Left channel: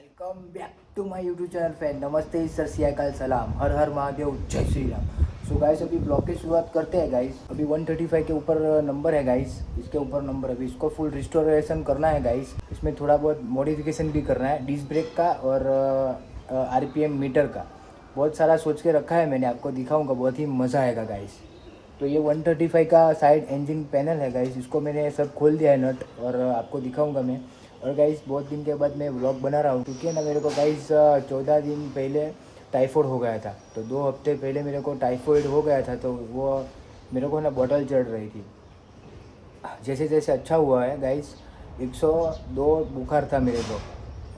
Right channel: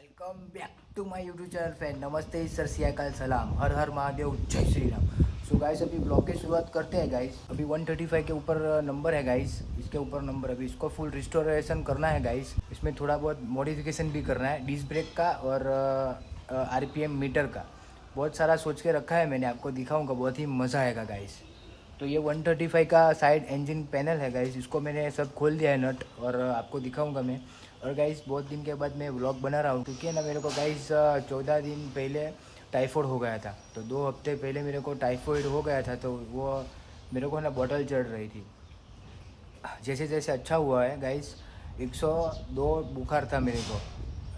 Welcome back to my YouTube channel friend. नमस्ते, sir सियाकाल, सलाम, हर हर महादेव, जय श्री राम। सो गाइस अभी ब्लॉग की शुरुआत करते हैं गाइस। अभी 135 के ऊपर नंबर है गाइस, इसके ऊपर नंबर अभी इसको फुल रिस्टोरेशन करना है गाइस। इसमें थोड़ा बहुत मॉडिफिकेशन भी करना है, डिस्क ब्रेक का और आरपीएम मीटर का। बहुत सारा सोच के रखा है मैंने, आपको दिखाऊंगा, बहुत ही मज़ा आएगा गाइस। तो ये 135 का साइड इंजन पैनल है गाइस, इसको मैंने सब खोल दिया है नट, और आपको दिखाऊंगा मैं। और गाइस बहुत दिन के बाद मैं व्लॉग बना रहा हूँ, क्योंकि ना मेरे को गाइस 14 दिन पहले टाइफाइड हो गया था। तो 2 हफ्ते पहले मेरे को टाइफाइड हो गया था, तो वो मेरे को ना बॉटल चढ़ रही थी। जैसे जैसे अच्छा हुआ है गाइस। 102 बुखार था मेरे को,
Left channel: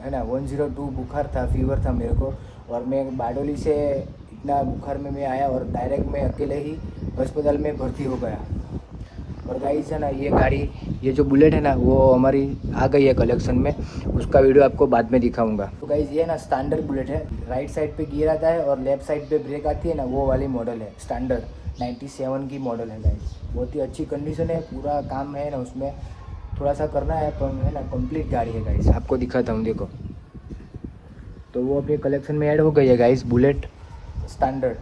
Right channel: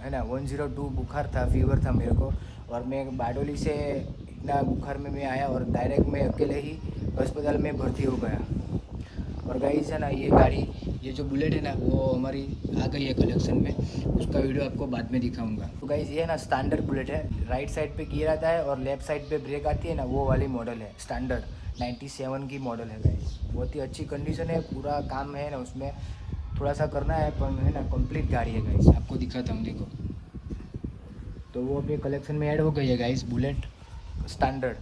है ना, 102 बुखार था, फीवर था मेरे को। और मैं बारडोली से इतना बुखार में मैं आया और डायरेक्ट मैं अकेले ही अस्पताल में भर्ती हो गया। और गाइस है ना, ये गाड़ी, ये जो बुलेट है ना, वो हमारी आ गई है कलेक्शन में। उसका वीडियो आपको बाद में दिखाऊंगा। तो गाइस ये ना स्टैंडर्ड बुलेट है, राइट साइड पे गियर आता है और लेफ्ट साइड पे ब्रेक आती है ना, वो वाली मॉडल है। स्टैंडर्ड 97 की मॉडल है गाइस। बहुत ही अच्छी कंडीशन है, पूरा काम है ना उसमें, थोड़ा सा करना है पर है ना, कंप्लीट गाड़ी है गाइस। आपको दिखाता हूँ, देखो। तो वो अपने कलेक्शन में ऐड हो गई है guys, bullet standard.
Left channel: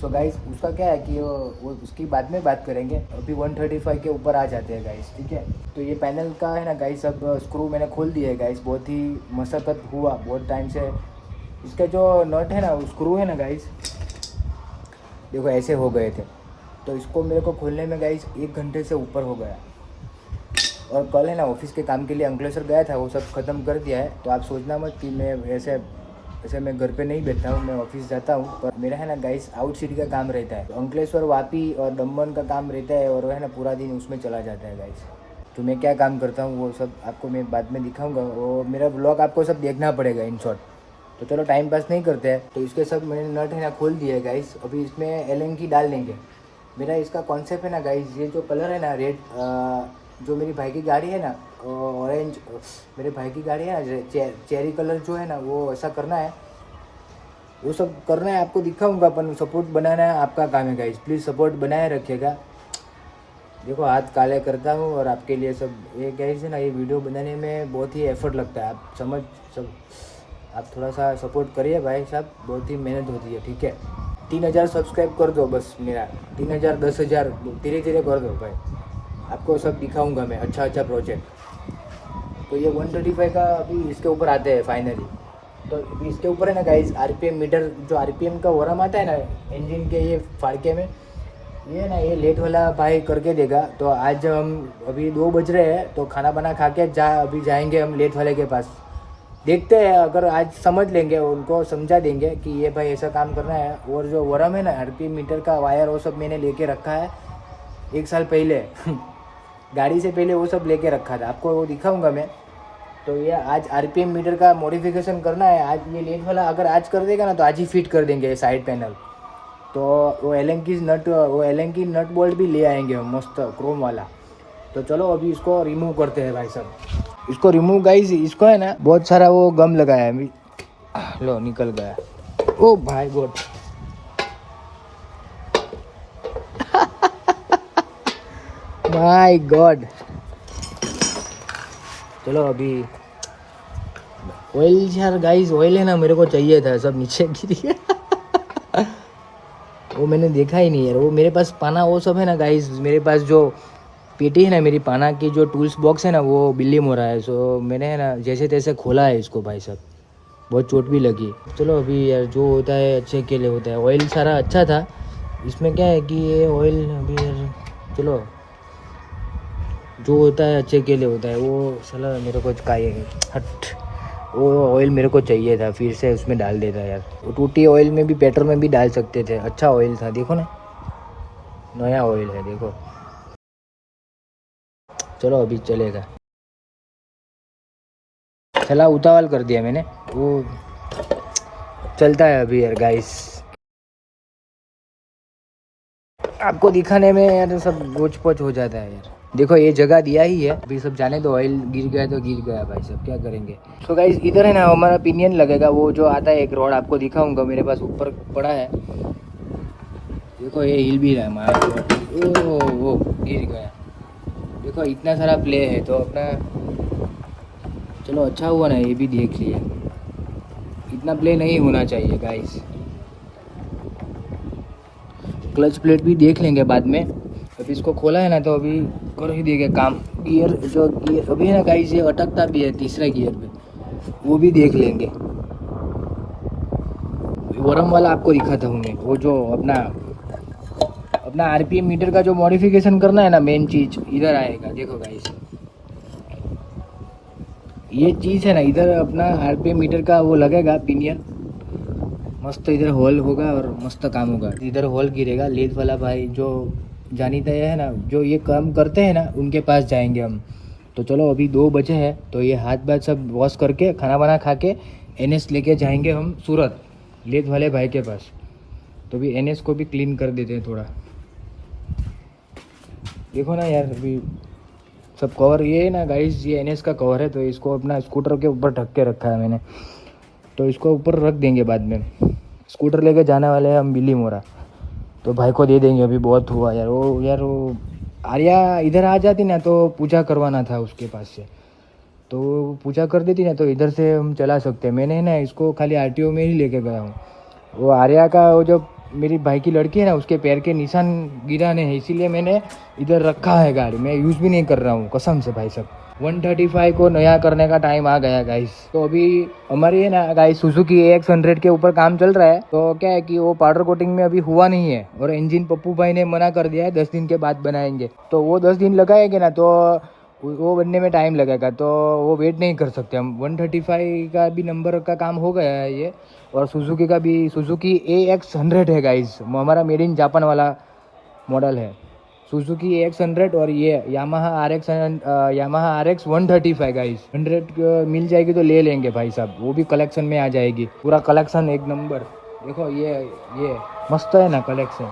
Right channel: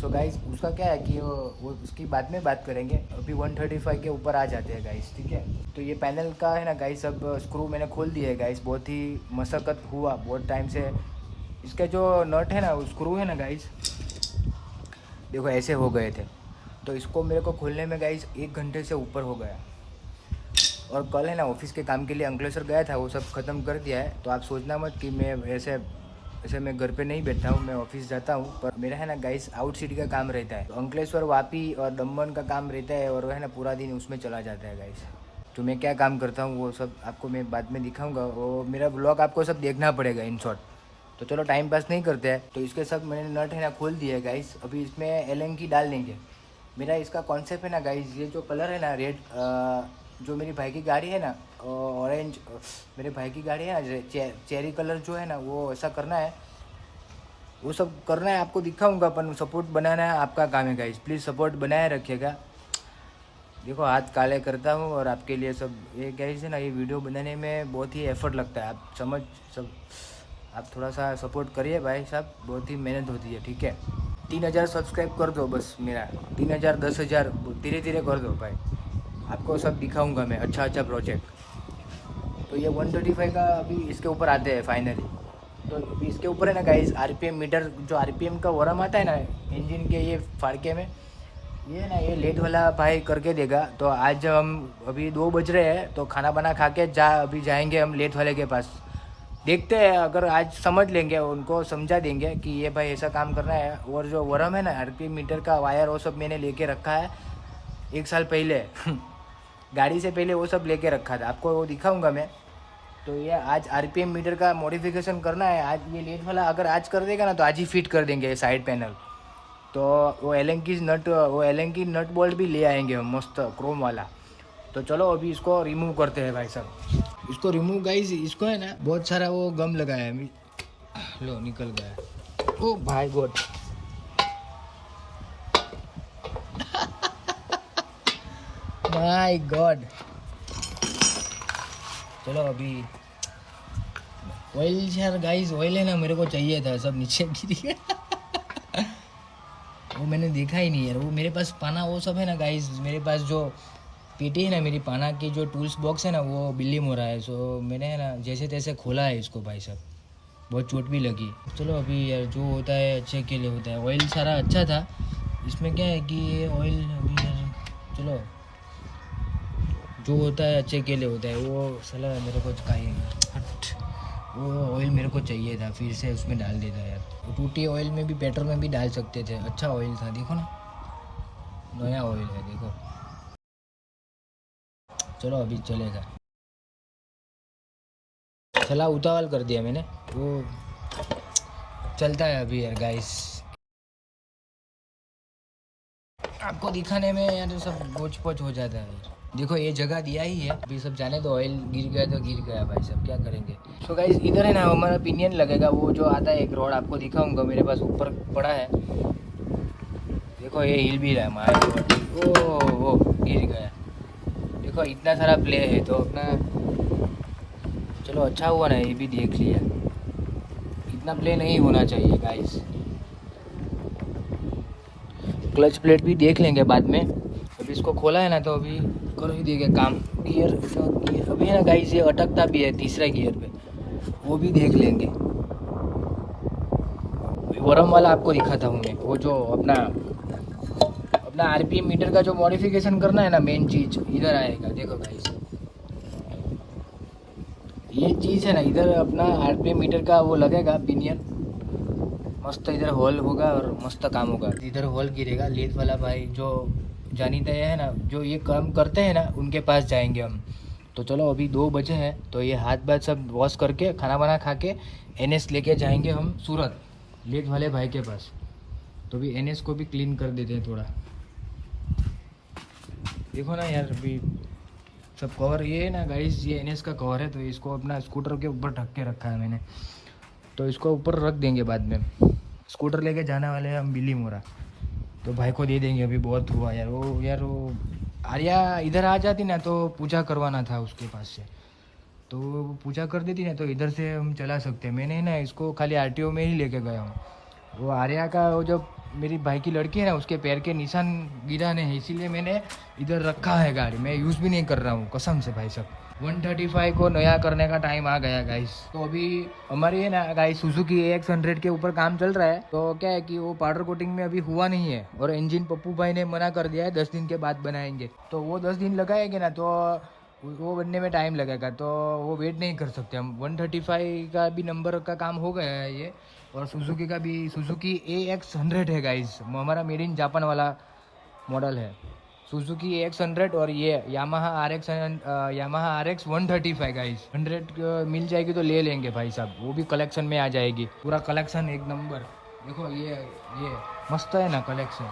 So guys उसका क्या है कि वो उसकी बाद में बात करेंगे, अभी 135 के ऊपर आ जाते हैं गाइस, ठीक है। तो ये पैनल का है ना गाइस, अब स्क्रू मैंने खोल दिए है गाइस। बहुत ही मशक्क़त हुआ, बहुत टाइम से। इसका जो नट है ना, स्क्रू है ना गाइस, देखो ऐसे हो गए थे। तो इसको मेरे को खोलने में गाइस 1 घंटे से ऊपर हो गया। और कल है ना ऑफिस के काम के लिए अंकलेश्वर गया था, वो सब ख़त्म कर दिया है। तो आप सोचना मत कि मैं ऐसे ऐसे मैं घर पे नहीं बैठता हूँ, मैं ऑफिस जाता हूँ। पर मेरा है ना गाइस आउट सिटी का काम रहता है, तो अंकलेश्वर, वापी और दमन का काम रहता है, और है ना पूरा दिन उसमें चला जाता है गाइस। तो मैं क्या काम करता हूँ वो सब आपको मैं बाद में दिखाऊंगा। वो मेरा ब्लॉग आपको सब देखना पड़ेगा इन शॉर्ट। तो चलो टाइम पास नहीं करते हैं। तो इसके सब मैंने नट है ना खोल दिए है गाइस। अभी इसमें एलन की डाल देंगे। मेरा इसका कॉन्सेप्ट है ना गाइस, ये जो कलर है ना रेड, जो मेरी भाई की गाड़ी है ना ऑरेंज, मेरे भाई की गाड़ी है ना चेरी कलर जो है ना, वो ऐसा करना है, वो सब करना है। आपको दिखाऊंगा, अपन सपोर्ट बनाना है, आपका काम है गाइस। प्लीज़ सपोर्ट बनाए रखिएगा। देखो हाथ काले करता हूँ और आपके लिए सब, ये कैसे ना, ये वीडियो बनाने में बहुत ही एफर्ट लगता है, आप समझ सब। आप थोड़ा सा सपोर्ट करिए भाई साहब, बहुत ही मेहनत होती है, ठीक है। 3000 सब्सक्राइब कर दो बस मेरा, 3000 10,000 धीरे धीरे कर दो भाई। आपको सब दिखाऊंगा मैं, अच्छा अच्छा प्रोजेक्ट। तो ये 135 का अभी इसके ऊपर आते हैं फाइनली। तो अभी इसके ऊपर है ना गाइस आरपीएम मीटर, जो आरपीएम का वरम आता है ना इंजन के ये फाड़के में, ये ना ये लेट वाला भाई करके देगा। तो आज हम अभी 2 बज रहे हैं, तो खाना बना खा के अभी जाएंगे हम लेट वाले के पास। देखते हैं, अगर आज समझ लेंगे, उनको समझा देंगे कि ये भाई ऐसा काम करना है। और जो वरम है ना आरपीएम मीटर का वायर, वो सब मैंने लेके रखा है 1 साल पहले गाड़ी से पहले वो सब लेके रखा था, आपको वो दिखाऊंगा मैं। तो ये आज आरपीएम मीटर का मॉडिफिकेशन करना है। आज ये लेट वाला अगर आज कर देगा ना, तो आज ही फिट कर देंगे साइड पैनल। तो वो एलन की नट बोल्ट भी ले आएंगे हम, मस्त क्रोम वाला। तो चलो अभी इसको रिमूव करते हैं भाई साहब। इसको रिमूव गाइस, इसको है ना बहुत सारा वो गम लगाया है, लो निकल गया। ओ भाई गॉड माय गॉड। चलो अभी ऑयल, यार गाइस ऑयल है ना, मेरे को चाहिए था, सब नीचे गिर गया वो मैंने देखा ही नहीं यार। वो मेरे पास पाना वो सब है ना गाइस, मेरे पास जो पेटी है ना, मेरी पाना की जो टूल्स बॉक्स है ना, वो बिल्ली हो रहा है। सो मैंने है ना जैसे तैसे खोला है इसको भाई साहब, बहुत चोट भी लगी। चलो अभी यार जो होता है अच्छे के लिए होता है। ऑयल सारा अच्छा था, इसमें क्या है कि ये ऑयल अभी यार, चलो जो होता है अच्छे के लिए होता है। वो साला मेरे को हट, वो ऑयल मेरे को चाहिए था, फिर से उसमें डाल देता यार। वो टूटी ऑयल में भी, पेट्रोल में भी डाल सकते थे, अच्छा ऑयल था, देखो ना नया ऑयल है, देखो। चलो अभी चलेगा, चला उतावल कर दिया मैंने, वो चलता है अभी यार गाइस। आपको दिखाने में यार सब गोच पोच हो जाता है यार। देखो ये जगह दिया ही है, अभी सब जाने दो, ऑयल गिर गया तो गिर गया भाई सब, क्या करेंगे। सो गाइस इधर है ना हमारा पिनियन लगेगा, वो जो आता है एक रोड, आपको दिखाऊंगा, मेरे पास ऊपर पड़ा है। देखो ये हिल भी रहा है हमारा, वो गिर गया। देखो इतना सारा प्ले है, तो अपना चलो अच्छा हुआ ना ये भी देख लिया। इतना प्ले नहीं होना चाहिए गाइस। क्लच प्लेट भी देख लेंगे बाद में। अभी इसको खोला है ना तो अभी कर ही देगा काम। गियर जो गियर अभी ना गाइस ये अटकता भी है तीसरा गियर पे, वो भी देख लेंगे। वरम वाला आपको दिखाता हूँ मैं, वो जो अपना आरपीएम मीटर का जो मॉडिफिकेशन करना है ना, मेन चीज इधर आएगा। देखो गाइस ये चीज़ है ना, इधर अपना आरपीएम मीटर का वो लगेगा पिनियन, मस्त इधर होल होगा और मस्त काम होगा। इधर होल गिरेगा। लेथ वाला भाई जो जानीता है ना, जो ये काम करते हैं ना, उनके पास जाएंगे हम। तो चलो अभी 2 बजे हैं, तो ये हाथ बात सब वॉश करके खाना वाना खा के एनएस लेके जाएंगे हम सूरत, लेथ वाले भाई के पास। तो अभी एनएस को भी क्लीन कर देते हैं थोड़ा। देखो ना यार, अभी सब कवर ये ना गाइस, ये एनएस का कवर है, तो इसको अपना स्कूटर के ऊपर ढक के रखा है मैंने, तो इसको ऊपर रख देंगे बाद में। स्कूटर लेके जाने वाले हैं हम बिल्ली मोरा, तो भाई को दे देंगे। अभी बहुत हुआ यार। वो आर्या इधर आ जाती ना तो पूजा करवाना था उसके पास से, तो पूजा कर देती ना तो इधर से हम चला सकते हैं। मैंने ना इसको खाली आरटीओ में ही लेके गया हूँ। वो आर्या का वो जो मेरी भाई की लड़की है ना, उसके पैर के निशान गिराने हैं, इसीलिए मैंने इधर रखा है गाड़ी। मैं यूज़ भी नहीं कर रहा हूँ कसम से भाई साहब। 135 को नया करने का टाइम आ गया गाइस। तो अभी हमारी है ना गाइस सुजुकी AX100 के ऊपर काम चल रहा है। तो क्या है कि वो पाउडर कोटिंग में अभी हुआ नहीं है, और इंजन पप्पू भाई ने मना कर दिया है 10 दिन के बाद बनाएंगे। तो वो 10 दिन लगाएंगे ना तो वो बनने में टाइम लगेगा, तो वो वेट नहीं कर सकते हम। 135 का भी नंबर का काम हो गया है ये, और सुजुकी का भी सुजुकी AX100 है गाइस, हमारा मेड इन जापान वाला मॉडल है सुजुकी AX100। और ये यामाहा RX 135 गाइस 100 मिल जाएगी तो ले लेंगे भाई साहब, वो भी कलेक्शन में आ जाएगी। पूरा कलेक्शन एक नंबर। देखो ये मस्त है ना कलेक्शन।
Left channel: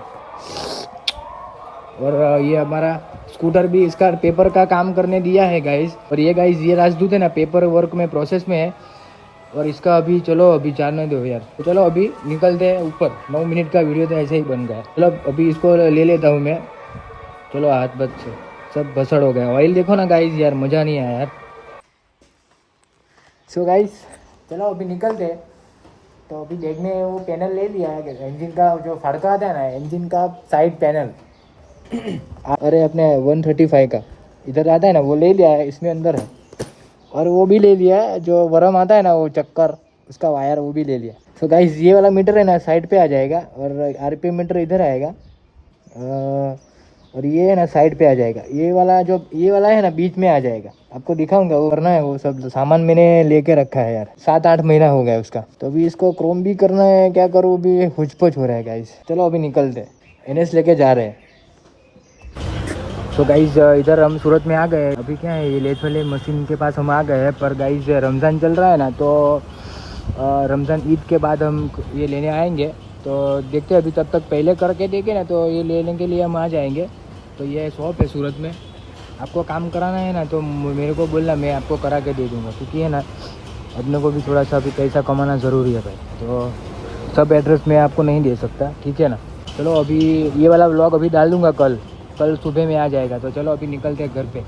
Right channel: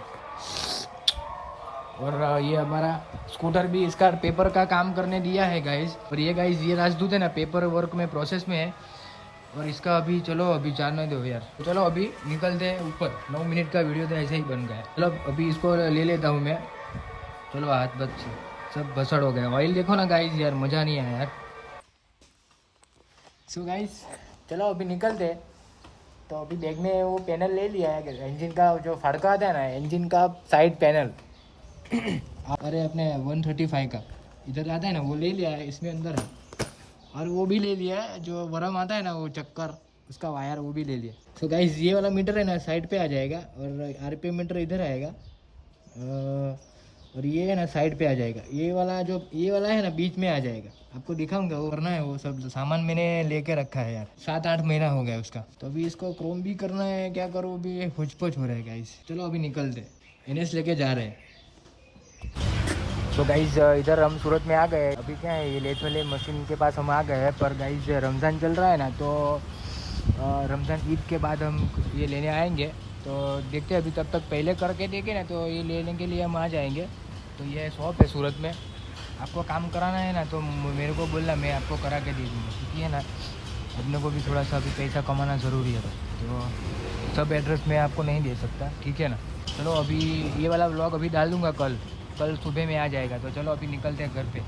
और ये हमारा स्कूटर भी, इसका पेपर का काम करने दिया है गाइस। और ये गाइस ये राजदूत है ना, पेपर वर्क में प्रोसेस में है, और इसका अभी चलो अभी जाने दो यार। तो चलो अभी निकलते हैं ऊपर। 9 मिनट का वीडियो तो ऐसे ही बन गया। चलो अभी इसको ले लेता हूँ मैं। चलो हाथ बच से सब भसड़ हो गया। ऑयल देखो ना गाइस यार, मज़ा नहीं आया यार। सो गाइस चलो अभी निकलते हैं। तो अभी बैग में वो पैनल ले लिया है, इंजन का जो फड़का आता है ना, इंजन का साइड पैनल अरे अपने 135 का इधर आता है ना, वो ले लिया है, इसमें अंदर है। और वो भी ले लिया है जो वरम आता है ना, वो चक्कर उसका वायर, वो भी ले लिया। सो गाइस ये वाला मीटर है ना साइड पे आ जाएगा, और आरपीएम मीटर इधर आएगा, और ये है ना साइड पे आ जाएगा। ये वाला है ना बीच में आ जाएगा। आपको दिखाऊंगा, वो करना है। वो सब सामान मैंने लेके रखा है यार, 7-8 महीना हो गया उसका। तो अभी इसको क्रोम भी करना है, क्या करूँ अभी, हुचपुच हो रहा है गाइस। चलो अभी निकलते, एनएस लेके जा रहे हैं। तो गाइस इधर हम सूरत में आ गए। अभी क्या है, ये लेथ वाले मशीन के पास हम आ गए हैं। पर गाइस रमज़ान चल रहा है ना, तो रमज़ान ईद के बाद हम ये लेने आएंगे। तो देखते हैं, अभी तब तक पहले करके देंगे ना तो ये लेने के लिए हम आ जाएंगे। तो ये शॉप है सूरत में, आपको काम कराना है ना तो मेरे को बोलना, मैं आपको करा के दे दूँगा। क्योंकि है ना अपने को भी थोड़ा सा अभी पैसा कमाना ज़रूरी है भाई, तो सब एड्रेस मैं आपको नहीं दे सकता, ठीक है ना। चलो अभी ये वाला व्लॉग अभी डाल दूँगा, कल सुबह में आ जाएगा। तो चलो अभी निकलते हैं घर पे।